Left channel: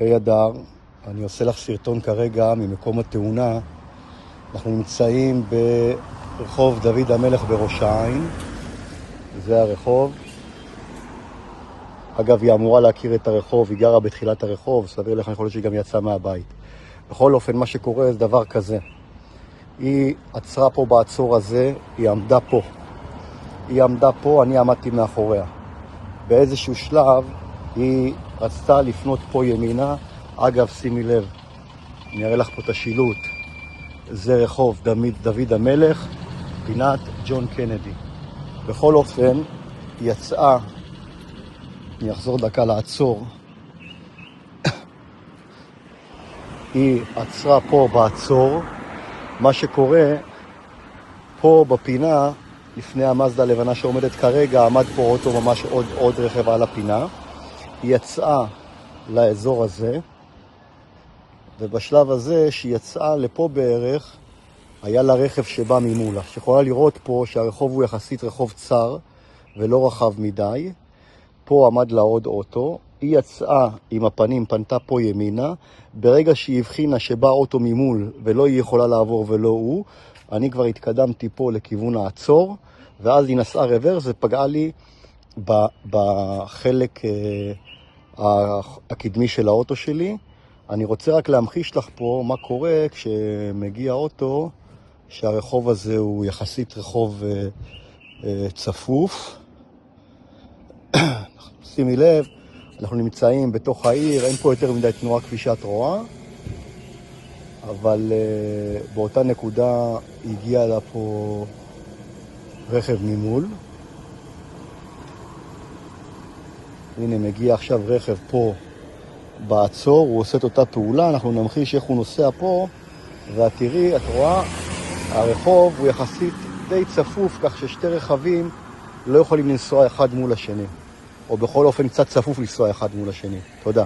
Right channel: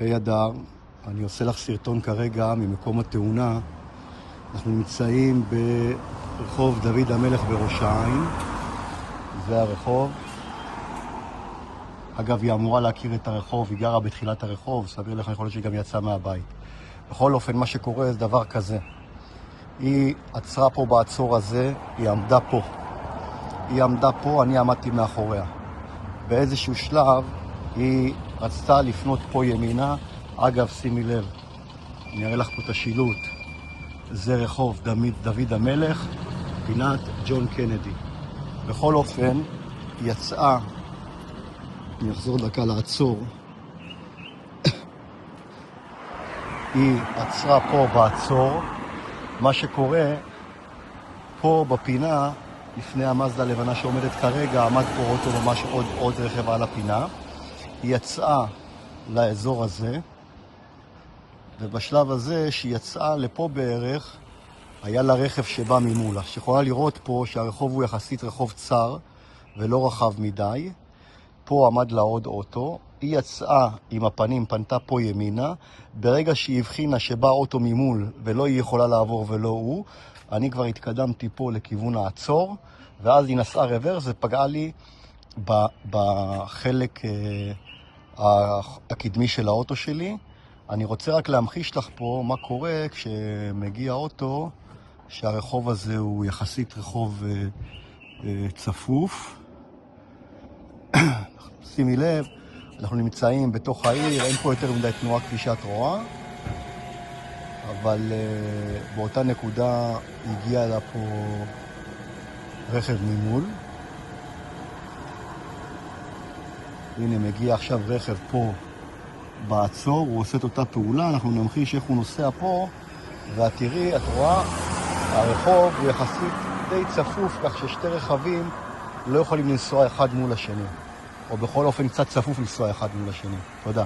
היי אדר, אני עושה לך סרטון כרגע ממקום התאונה. אנחנו נמצאים ברחוב דוד המלך בראש העין. זה הרחוב. אגב, היא אמורה להכיר את הרחוב, היא גרה בתחילת הרחוב, סביר לך, יכול להיות שהיא גם יצאה מהבית. בכל אופן, מה שקורה זה דבר כזה. היא עצרה פה בעצור הזה, היא עמדה פה, אני עמדתי מאחוריה. באיזשהו שלב היא רצתה לפנות פה ימינה. אגב, שימי לב, אני אראה לך פה את השילוט. זה רחוב דוד המלך, פינת ג'ון קנדי. בכל אופן, היא יצאה, אני אחזור דקה לעצור. היא עצרה פה בעצור. מה שקורה, פה בפינה, לפני המזדה הלבנה שעומדת כרגע, עמד פה אוטו, ממש עוד רכב על הפינה. היא יצאה לאזור הזה, ובשלב הזה שהיא יצאה לפה בערך, היה לה רכב שבא ממולה. שיכולה לראות פה שהרחוב הוא יחסית רחוב צר ולא רחב מדי. פה עמד לה עוד אוטו, היא יצאה עם הפנים, פנתה פה ימינה. ברגע שהיא הבחינה שבא אוטו ממול ולא היא יכולה לעבור ולא הוא, אני כבר התקדמתי פה לכיוון העצור, ואז היא נסעה רוורס ופגעה לי בחלק הקדמי של האוטו שלי. אני רוצה רק להמחיש לך פה מה קורה כשמגיע אוטו, שהרחוב הזה הוא יחסית רחוב צפוף. שימי לב, אנחנו נמצאים בתוך העיר, אין פה יותר מדי תנועה כפי שאת רואה, אבל באותה נקודה הגיע לה פה רכב ממול. הנה מגיע עכשיו רכב פה בעצור, הוא עושה את אותה פעולה, אנחנו נמחיש איך הוא נוסע פה, ואת תראי, את רואה, הרחוב הוא יחסית די צפוף, כך ששתי רכבים לא יכולים לנסוע אחד מול השני, או בכל אופן קצת צפוף לנסוע אחד מול השני. תודה.